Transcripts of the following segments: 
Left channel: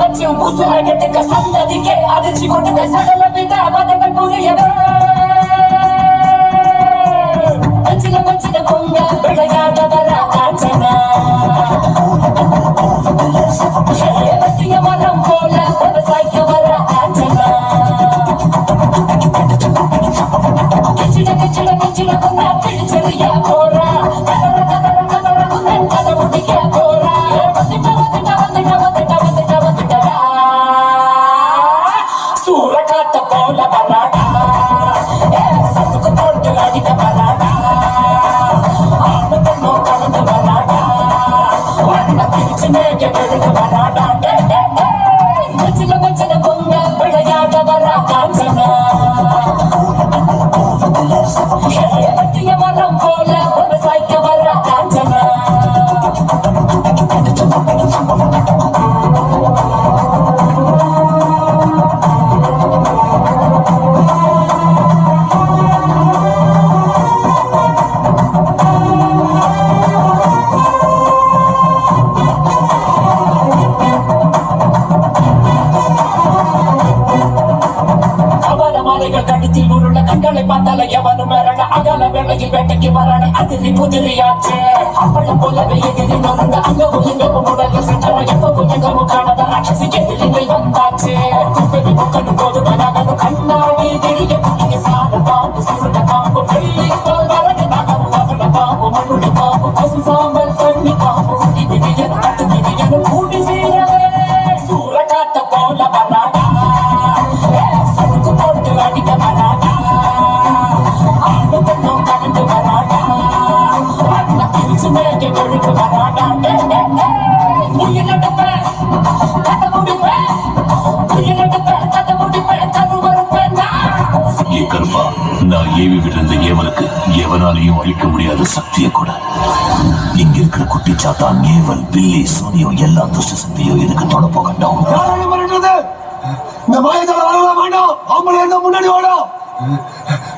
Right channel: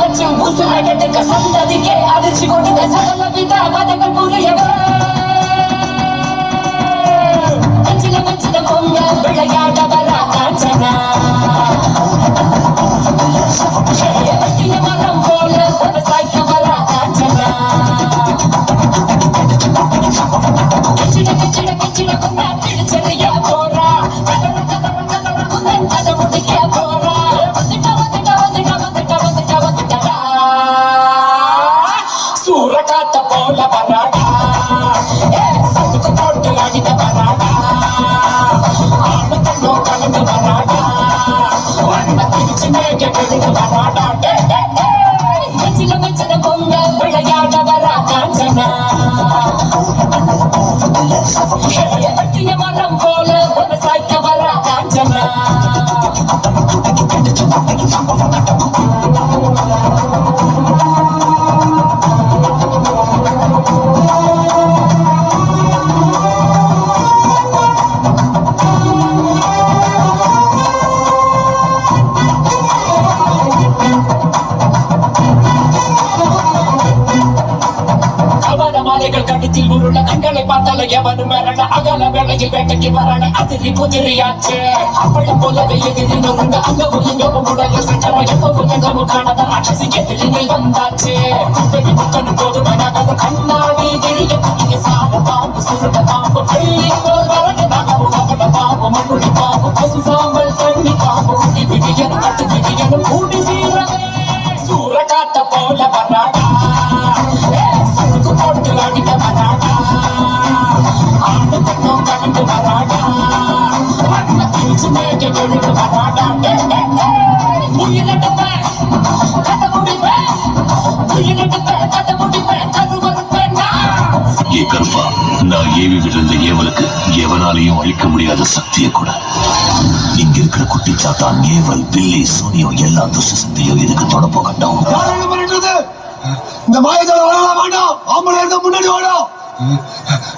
வச்சு உசுரகத்துக்கு சந்ததிக்கே அதிர்ச்சி கொடுக்க சகல வித பதங்கள் புரியவே கஞ்சில வச்சிட பொங்க விளையாட வர காஞ்சனா பட்டிய மரம் போல ஒரு சாய்க்க வர காஞ்சனா கச்சிட கச்சிட கச்சிட பொங்க பிடிச்சறியா போறா கதற கதற கதற புதன் கதை முடிக்க போறா சூரகாத்த போல வராடா சதுக்கு போட்டு அடிக்க வராடா ஆணு கண்ணும் கலந்து வராடா வண்ண பிரிச்சு மேக விழுந்து வராடா மச்சில மச்சில பொங்க விளையாட வரா காஞ்சனா பட்டிய மரம் போல ஒரு சாய்க்க வரா காஞ்சனா கடித்தில் உருள கண்களை பார்த்தால எவனும் மரண அகல வேளையில் வேட்டைக்கு வரான அதிரி குதிரையாச்சு அப்பளம் போலவே எதிரி நொறுங்க அங்கவும் இங்கவும் உடல சட்டரை எப்பவும் எங்கவும் காணாத ராட்சசிக்கு எதிரில் வந்தாச்சு குப்பை முக்கனும் போது மனகனும் கண்ணாடி தெரிய புதிய சார பாம்பு சுருட பாம்பு வெள்ளி போல் வரக நகரும் மகன பாம்பு மண்ணுடி பாம்பு பசு சாம்பல் தண்ணி பாம்பு உடி விடியனும் கட்டு விடியனும் கூடி சீரவே சூரகாத்த போல வராடா சதுக்கு போட்டு அடிக்க வராடா ஆணு கண்ணும் கலந்து வராடா வண்ண பிரிச்சு மேக விழுந்து வராடா உயிரிழப்பேன் கதை முடிப்பேன் உயிரிழப்பேன் கதை முடிப்பேன் கருவறுப்பேன் கருப்பா நான் ஏவி விழுந்த ஏவலுக்கு எவனாலையும் அழிக்க முடியாத சக்தியை கூட இங்க இருக்கிற குட்டி சாத்தான் ஏவல் பில்லி சூனியம் எல்லா துஷ்ட சக்தியும் இதுக்கு தொடப்ப கண்டோம். இந்த மாயத்தால வாழ வேண்டாம். ஆம்பளை இருந்தா முன்னாடி வாடா.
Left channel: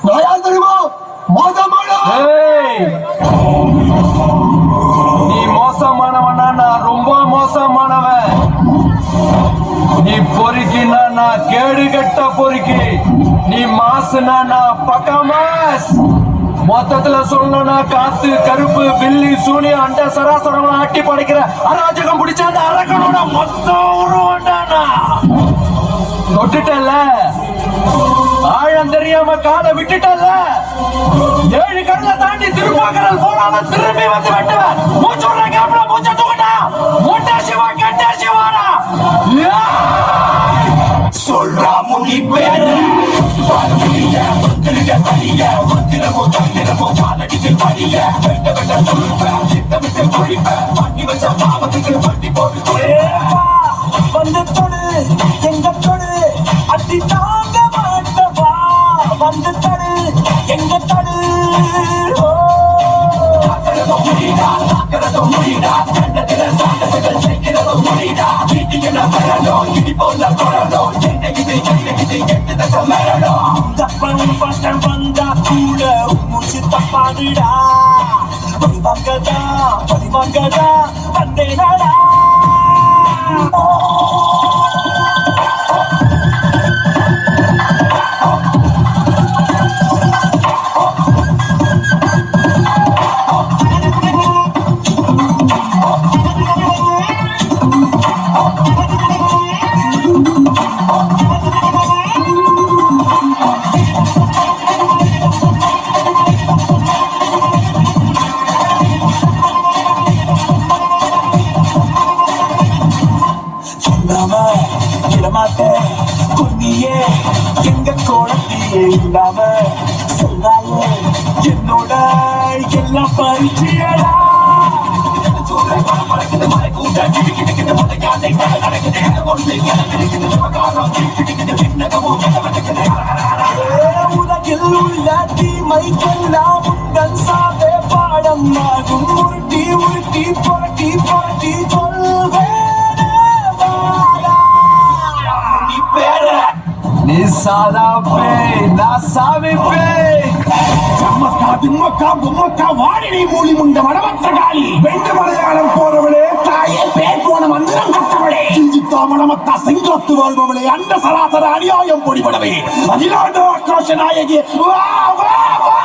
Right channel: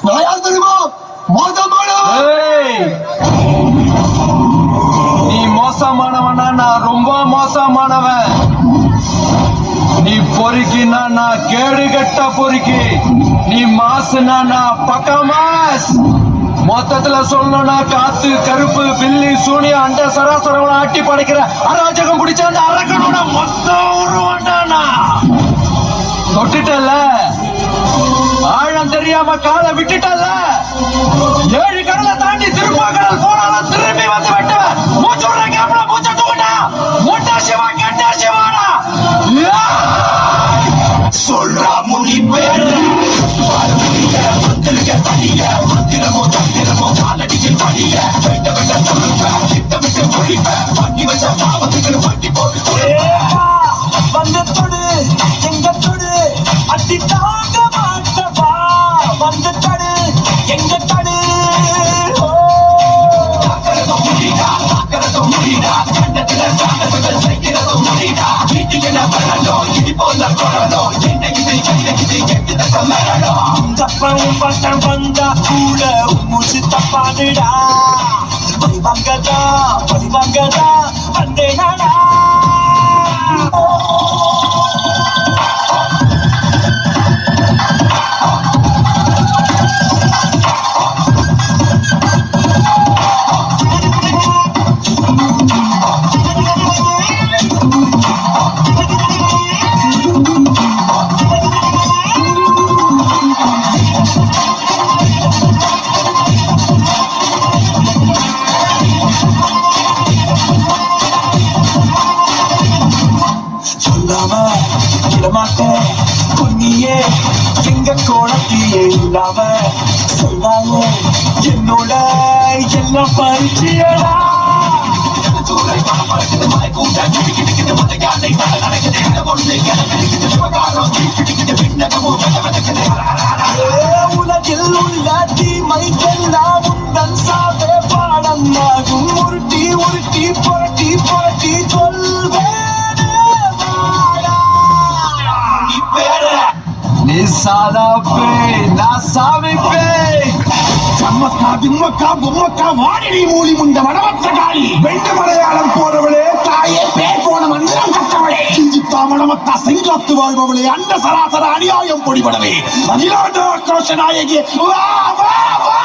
நான் யார் தெரியுமா? நீ மோசமானவனா? நான் ரொம்ப மோசமானவன். நீ பொறுக்கினா நான் கேடு கட்ட பொறுக்கி, நீ மாசுனா நான் பக்கா மாஸ். மொத்தத்துல சொல்லணும்னா காத்து கருப்பு பில்லி சூனிய அண்ட சராசரம் ஆட்டி படைக்கிற அராஜகம் பிடிச்ச அந்த அரக்கனோட மொத்த உருவண்டானா தொட்டுட்டல்ல, ஆழம் தெரியாம காலை விட்டுட்டல்ல, 7 கடலை தாண்டி திருப்பாக்கடல் போனாலும் திரும்பி வந்து விட்டவன் மூச்சு விடுற கேப்ல மூச்சட்டு விட்டா மொட்டா சிவா கெட்டா சிவாடா சொல்றா முடி பேர தனிய காலடியில் தனிய வெட்ட வெட்ட சொல்லுவேன் திட்டமிட்டு பொழிப்பேன் பண்ணி வச்ச பாவத்துக்கு வண்டி போட்டு வந்து தொடு எங்க தொடு அடி தாங்க மாட்டவா வந்து தடு எங்க தடு தாக்கிறதும் முடிடா கண்டத்துல சாகசங்கள் செய்கிறதும் முடிடா வீட்டுக்கு பெறணும் இடி போல கொறணும் என்ன இது எட்டு சொல்லணும் தப்பம் பட்டம் வந்தா கூட மூச்சு தப்பாதுடா பழிவாங்கதா வந்தேனடா மாட்டேன் பொன்னியே எங்க கோணத்தியே இல்லாம சொன்னாயே என்னோட எல்லாம் பரிச்சியடா உலகில் உள்ள தீமைக்கெல்லாம் உங்கள் சாவே பாடமாகும் உருட்டி உருட்டி புரட்டி புரட்டி சொல்வேன் நீ சாதா பேய், நான் சாமி பேய். சம்மக்கா திம்மக்கா பொம்மக்கா வாடினி மூலி முண்ட வடமற்ற காளி வெண்டு மலையாளம் போறவளே தாயே பேர் போன மந்திரம் கட்டவளே கிஞ்சித்தா மணமத்தா செங்காத்து வாழ்பவளே அண்ட சராசர அநியாயம் பொடிபடவே அகிலாண்ட ஆக்ரோஷ நாயகி வா வா வா.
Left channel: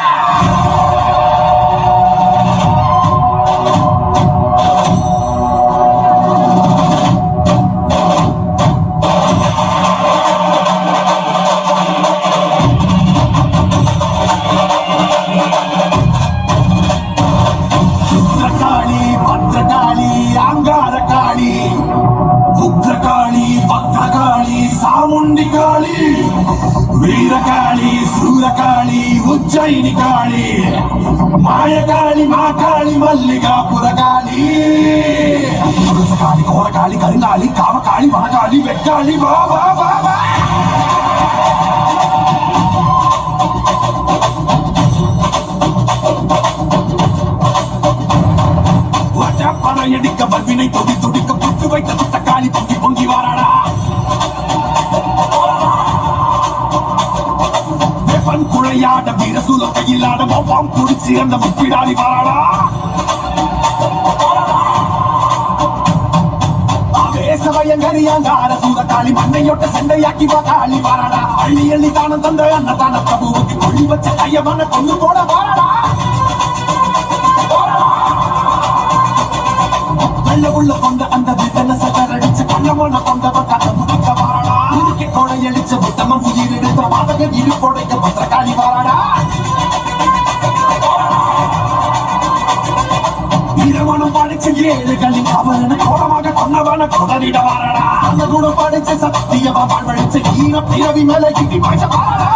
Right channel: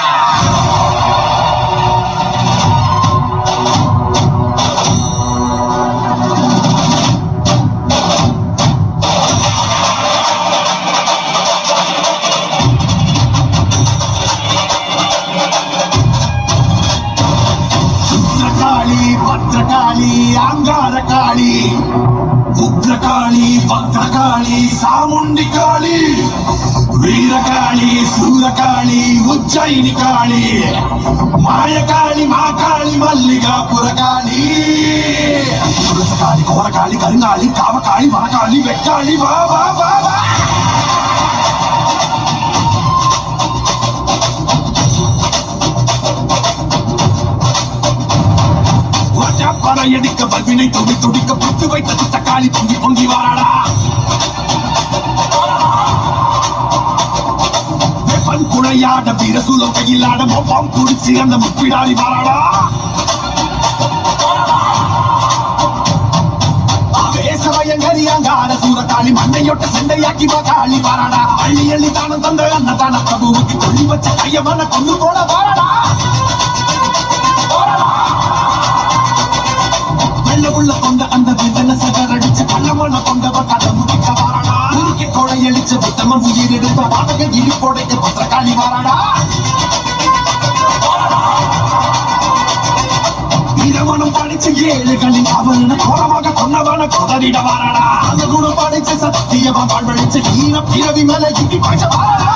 வீரகாளி சூரகாளி உஜ்ஜயினி காளி மாயகாளி மாகாளி மல்லிகாபுரகாளி புரசகாளி கோரகாளி கருங்காளி காவகாளி வரகாளி வெக்காளி வா வா வா வா. பறையடிக்க பல்வினை தொடி தொடிக்க புட்டு வைத்த துட்ட காளி பொங்கி பொங்கி வாராடா. குழையாட வீரசூலம் கையிலாட மொப்பம் குடிச்சு அந்த முப்பிடாடி வாராடா. ஆவேசமயங்கரியாங்கார சூரகாளி மண்ணையொட்ட சண்டையாக்கி காளி வாராடா. அள்ளி அள்ளி தானம் தந்த அன்னதான பிரபுவுக்கு கொள்ளி வச்ச கையமான கொண்டு போட வாராடா. வெள்ள உள்ள கொண்ட அந்த விதன சகரடிச்ச கள்ளமான கொண்டவ கதை முடிக்க வாராடா. உருக்கி கொழையடிச்ச புத்தமன் உயிர் எடுத்த பாதக இடி கொடைக்க பத்திரகாளி வாராடா. இரவனும் படிச்சு ஏழுகளின் அவன கோரமாக கொன்னவன குதறிட வாராடா. அந்த குணம் படிச்ச சத்தியவன் வாழ்வழிச்ச ஈர பிறவி மேல கிட்டி பாய்ச்ச வாராடா.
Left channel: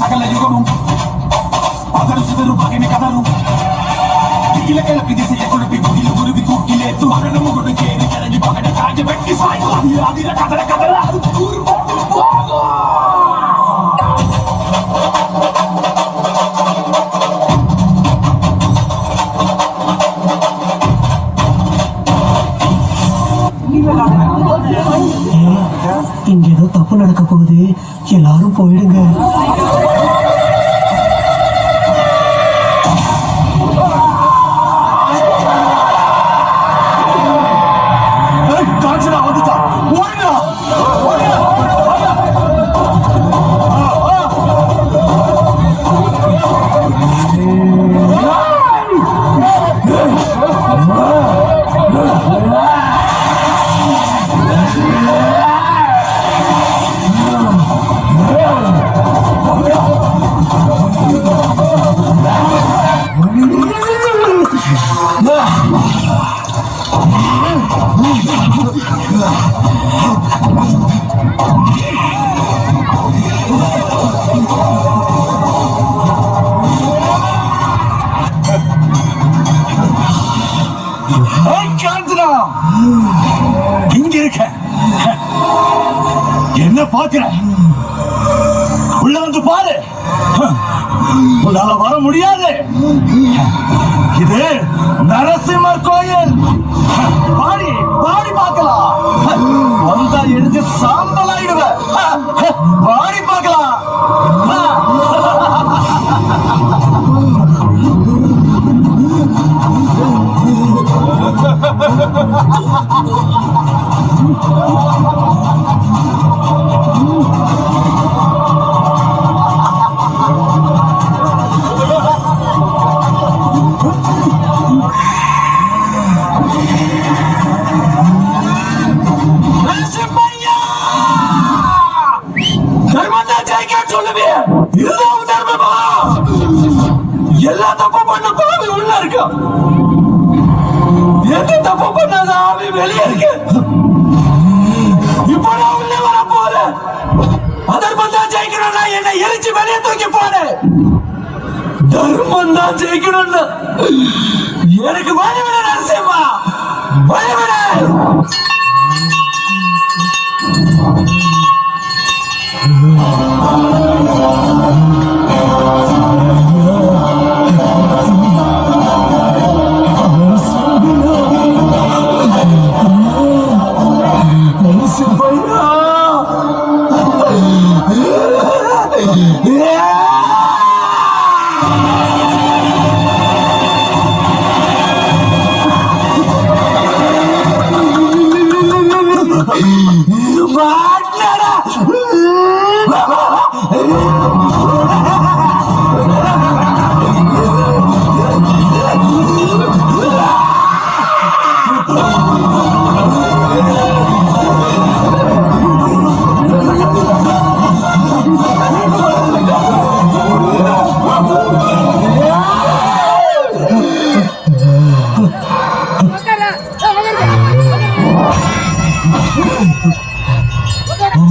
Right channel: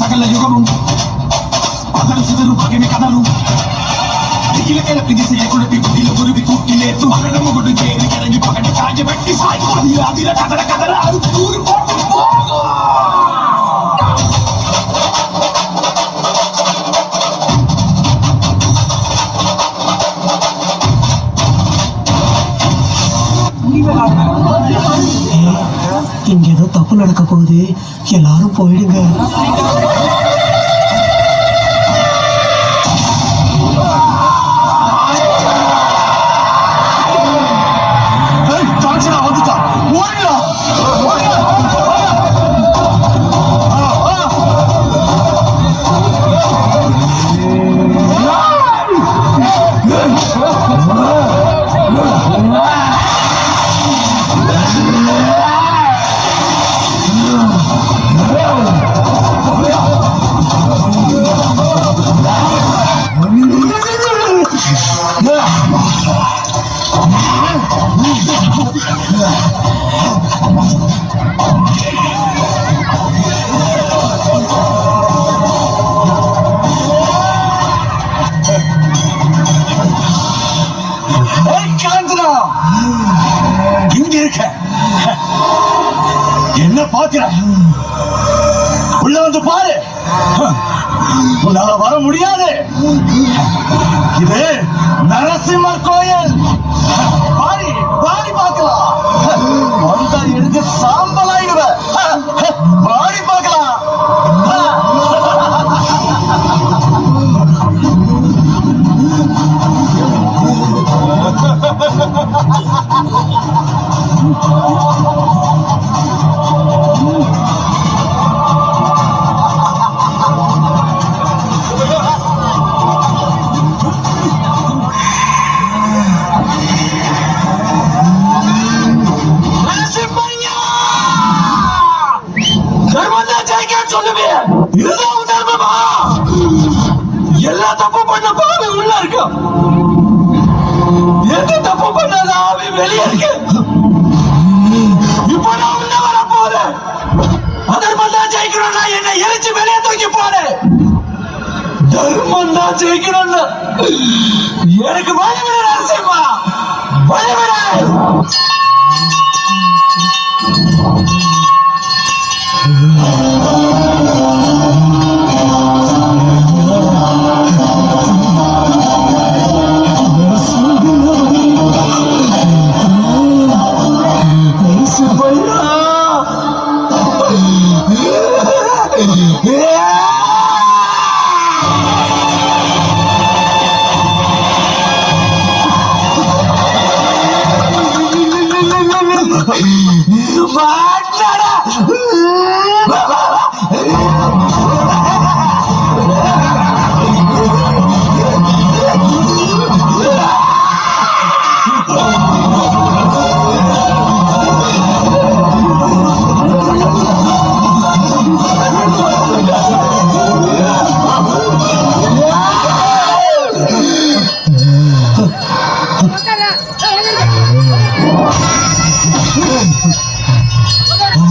சகல யுகமும் பதரும் சிதறும் பகைமை கதரும் இலக்கையில பிதிசைய குழப்பி குடியில குருவி தூக்கிலே மகன முகுடு கேறி இறங்கி பகட காய வெட்டி சாய் அதிர கதற கதற அறுத்து தூரி இங்க ஏதோ தப்பு நடக்க போகுது, எல்லாரும் போயிடுங்க. இங்க இருக்க என்ன பாக்குற? உள்ள வந்து பாரு, உன்னால வர முடியாது. இது நரசிம்மர் கோயில். பாடி பாடி பார்க்கலாம். வந்தா எடுத்து சாம்பலாயிடுவ. பாடி பார்க்கலாம். எல்லா தப்பு பண்ண பாவி உள்ள இருக்க, எந்த தப்பு பண்ணாத ஆவி வெளியே இருக்கு. இப்ப நான் உள்ள வர போறேன். அதர்மம் தான் ஜெயிக்கணும்னா என்னை எரிச்சு வெளியே தூக்கி போடு. தர்மம் தான் ஜெயிக்கணும்னு எனக்கு வழிவிட நரசிம்மா, வழிவிட.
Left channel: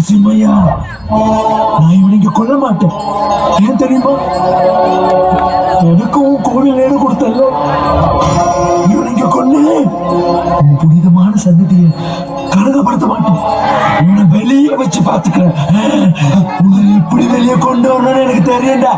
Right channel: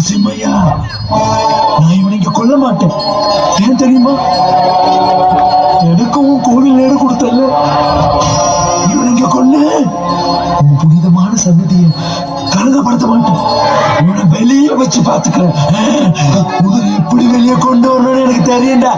சிம்மையா, நான் இவனை இங்க கொல்ல மாட்டேன். ஏன் தெரியுமா? எனக்கும் கோவில் நேரு கொடுத்தல்ல, இவனை இங்க கொல்ல உன் புனிதமான சன்னதியை கரகப்படுத்த மாட்டேன். இவனை வெளியே வச்சு பாத்துக்கிறேன். உன்னை எப்படி வெளியே கொண்டு வரணும்னு எனக்கு தெரியும்டா.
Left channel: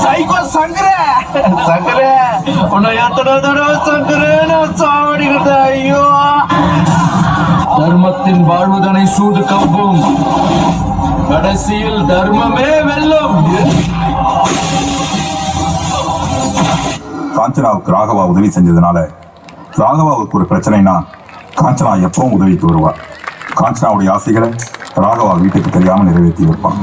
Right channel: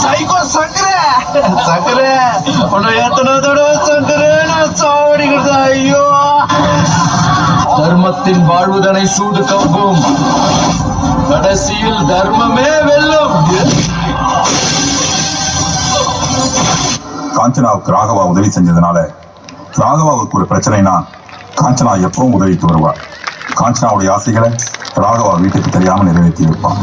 சைக்கோ சங்கரே சங்கரே உன்னை எத்தனை தடவை சங்கரே நான் சாவடிக்கிறது. ஐயோ, தர்மத்தின் வாழ்வுதனை சூடு கவ்வும், கடைசியில் தர்மமே வெல்லும். காஞ்சனாவுக்கு ராகவா உதவி செஞ்சதுனால ராகவாவுக்கு ஒரு பிரச்சனைனா காஞ்சனா எப்பவும் உதவிக்கு வருவார். காஞ்சனாவுடைய ஆசைகளை ராகவா வீட்டுக்கு தெரியாம நிறைவேற்றி வைப்பான்.